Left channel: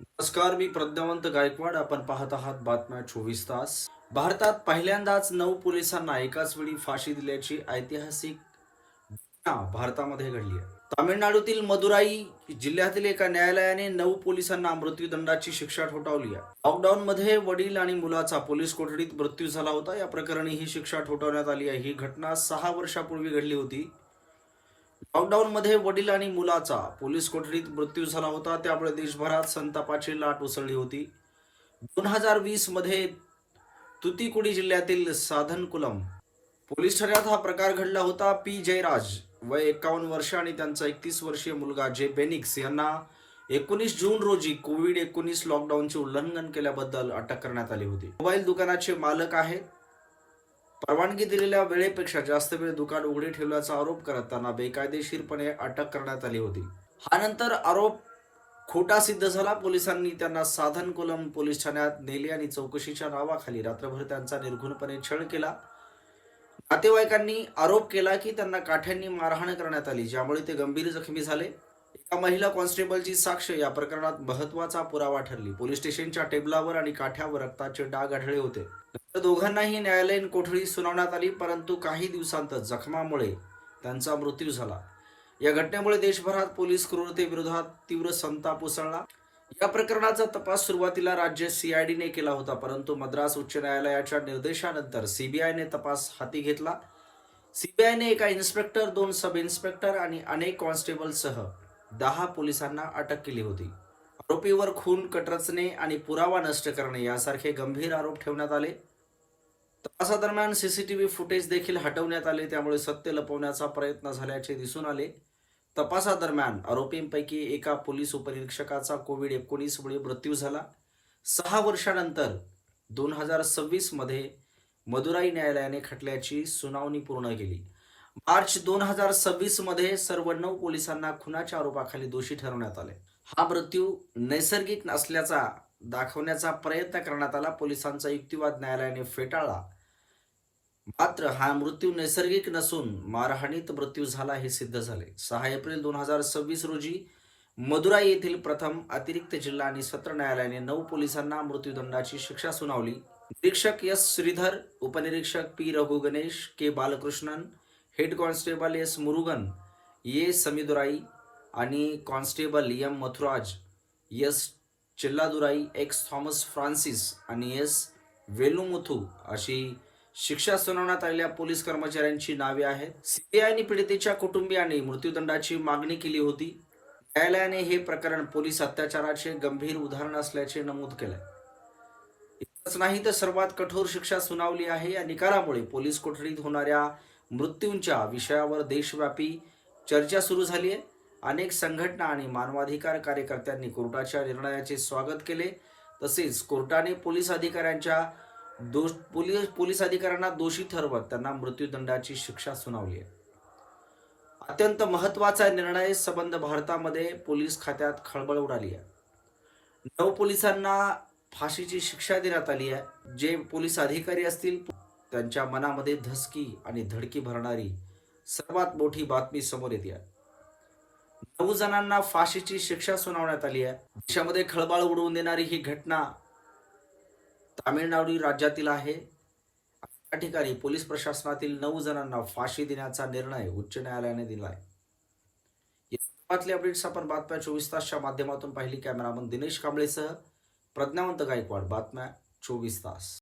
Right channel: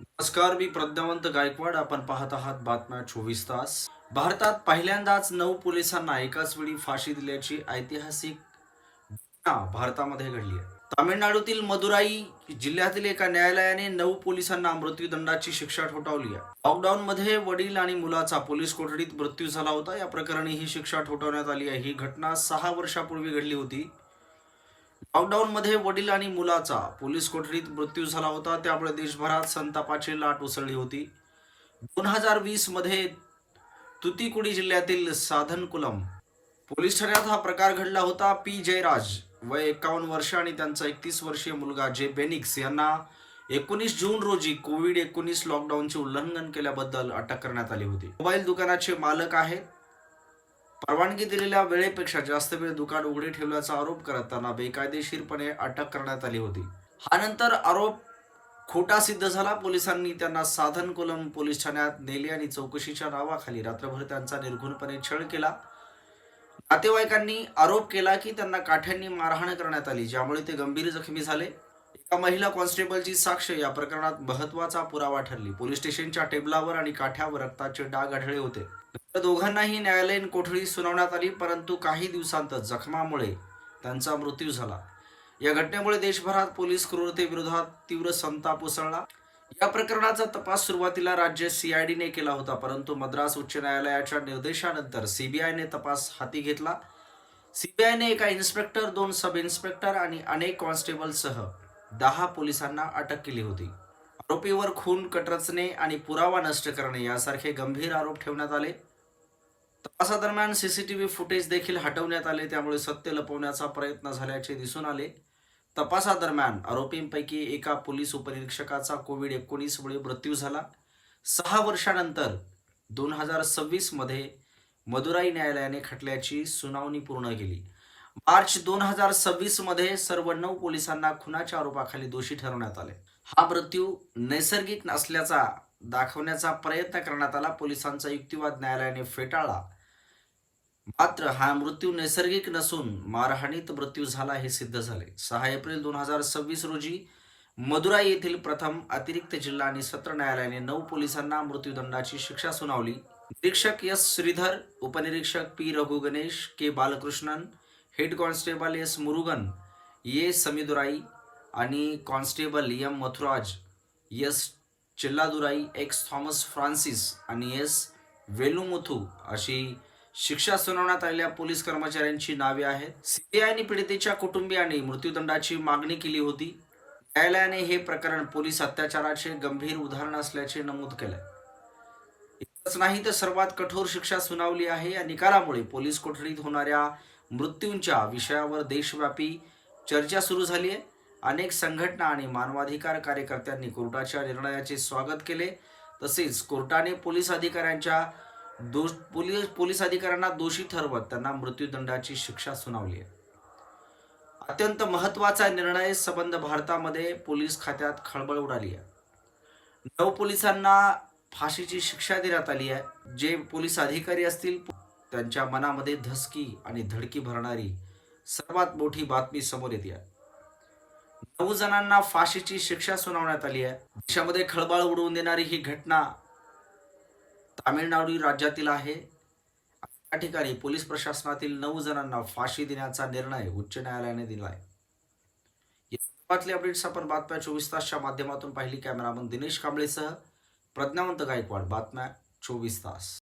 नमस्कार, मी प्रज्ञावंत गायकवाड. आपण पाहत आहात बातम्या 24 तास. भारतात पहिल्यांदाच 9 पोलिसांना एकाच वेळी फाशी दिल्याची ऐतिहासिक घटना भारतामध्ये घडली आहे. तामिळनाडूतील मदुराई जिल्ह्यातील एका न्यायालयाने 9 पोलिसांना मृत्यूदंडाची शिक्षा ठोठावली आहे. लॉकडाऊनमध्ये वडील आणि मुलाचा पोलीस कोठडीत मृत्यू झाला होता. या प्रकरणी ही शिक्षा ठोठावण्यात आली आहे. ही घटना 6 वर्षापूर्वी घडली होती. लॉकडाऊनमध्ये वडील आणि मुलाचा पोलीस कोठडीत मृत्यू झाला होता. त्यामुळे देशभरात संतापाची लाट उसळली होती. 2020 मध्ये तुतीकुडी जिल्ह्यातील साधनकुलम पोलीस ठाण्यात हा प्रकार घडला होता. पी जयराज वय 51 वर्ष आणि त्यांचा 31 वर्षीय मुलगा जे बेनिक्स यांना 19 जून रोजी कोविड-19 लॉकडाऊनचे उल्लंघन केल्याबद्दल अटक करण्यात आली होती. मोबाईल दुकानाचे मालक आहेत. परवानगी दिलेल्या वेळेपेक्षा जास्त वेळ दुकान उघडे ठेवल्याचा आरोप करत त्यांना बेकायदेशीरपणे अटक करण्यात आली होती. हा नंतर आरोप खोटा सिद्ध झाला. पोलिसांनी त्यांना साधनकुलम पोलीस ठाण्यात नेले आणि चौकशीच्या नावाखाली रात्रभर त्यांचा निर्घृणपणे छळ केला. नातेवाईकांनी आरोप केला की त्यांना काठ्यांनी मारहाण करण्यात आली, ज्यामुळे ते गंभीर जखमी झाले. एका महिला कॉन्स्टेबलची साक्ष या प्रकरणात महत्वाचा पुरावा ठरली. पोलीस स्टेशनच्या टेबलावर आणि काठ्यावर रक्ताचे डाग आढळले होते. नंतर दोघांनाही न्यायालयीन कोठडी सुनावण्यात आली, परंतु काही दिवसांतच जखमामुळे त्यांचा मृत्यू झाला. या घटनेमुळे देशभरात पोलीस क्रूरतेविरोधात तीव्र संताप उसळला. या प्रकरणाचा तपास सुरुवातीला राज्य सीआयडीने केला होता, परंतु मद्रास उच्च न्यायालयाच्या निर्देशानंतर सीबीआयने तपास हाती घेतला. सीबीआयने एका इन्स्पेक्टर, 2 सब इन्स्पेक्टर आणि अनेक कॉन्स्टेबलसह 10 पोलिसांना अटक केली होती. आरोपीवर खून, कट रचणे आणि पुरावा नष्ट करणे यासारखे गंभीर आरोप ठेवण्यात आले. तपासादरम्यान सीसीटीव्ही फुटेज देखील हटवण्यात आले, त्यामुळे सत्य लपवण्याचा प्रयत्न झाल्याचे दिसून आले. तपासादरम्यान आरोपींपैकी एका पोलीस उपनिरीक्षकाचा कोविड-19 मुळे मृत्यू झाला. 6 वर्षानंतर 2026 मध्ये मदुराई न्यायालयाने खटल्याची सुनावणी पूर्ण केली. मार्च 2026 मध्ये सर्व 9 पोलिसांना खुनाच्या आरोपाखाली दोषी ठरवण्यात आले. हा मृत्यू नैसर्गिक नसल्याचा दाखवण्याचा प्रयत्न करण्यात आला. पोलिसांचा युक्तिवाद न्यायालयाने फेटाळला. मात्र हा मृत्यू नैसर्गिक नसून मारहाणीत मृत्यू झाला हे सिद्ध झाले. 6 एप्रिल 2026 रोजी मदुराई येथील प्रथम अतिरिक्त जिल्हा आणि सत्र न्यायालयाने 9 पोलिसांना मृत्यूदंडाची शिक्षा सुनावली. निरीक्षक एस श्रीधर, उपनिरीक्षक P Raghu Ganesh, K Balakrishnan, head constable S Murugan, A Samidurai आणि constable M Mathuraj, S Chilladurai, X Thomas Francis आणि एस वेलुमुथू अशी शिक्षा सुनावण्यात आलेल्या पोलीस कर्मचाऱ्यांची नावे आहेत. सीबीआयने पीडितेच्या कुटुंबियांनी मृत्यूदंडाची मागणी केली होती. न्यायालयाने हे प्रकरण पोलीस अत्याचाराचे गंभीर उदाहरण असल्याचे नमूद केले. इतकंच नाही तर सर्वात कठोर शिक्षा सुनावली आहे. या निकालामुळे पोलीस कोठडीत होणाऱ्या मृत्यूंच्या विषयावर देशव्यापी चर्चा सुरू झाली आहे. अनेक संघटना आणि मानवाधिकार कार्यकर्त्यांनी कोर्टाच्या निर्णयाचे स्वागत केले. तसेच कोर्टाने पोलीस अधिकाऱ्यांना दोषी ठरवत त्यांना मृत्यूदंडाची शिक्षा सुनावली आहे. अत्यंत महत्वाचा निर्णय संबंध भारतामध्ये पोलीस खात्यात खळबळ उडाली आहे. 9 पोलिसांना फाशीची शिक्षा देण्यात आली आहे. जे पोलीस अधिकारी असतील त्यांच्या मनामध्ये धसकी आणि धडकी भरणारी सर्वात मोठी बातमी समोर येते आहे. 9 जणांना फाशीची शिक्षा सुनावण्यात आली आहे. देशामध्ये खळबळ उडवून देणारी ही घटना तामिळनाडू राज्यातील आहे. या ठिकाणी पोलीस प्रशासनातील 9 जणांना फाशी देण्याचा निर्णय उच्च न्यायालयाने दिला आहे. या संदर्भातले अपडेट्स आपण बातम्या 24 तासच्या माध्यमातून पाहिली. कॅमेरामन दिनेश कांबळेसह प्रज्ञावंत गायकवाड, बातम्या 24 तास.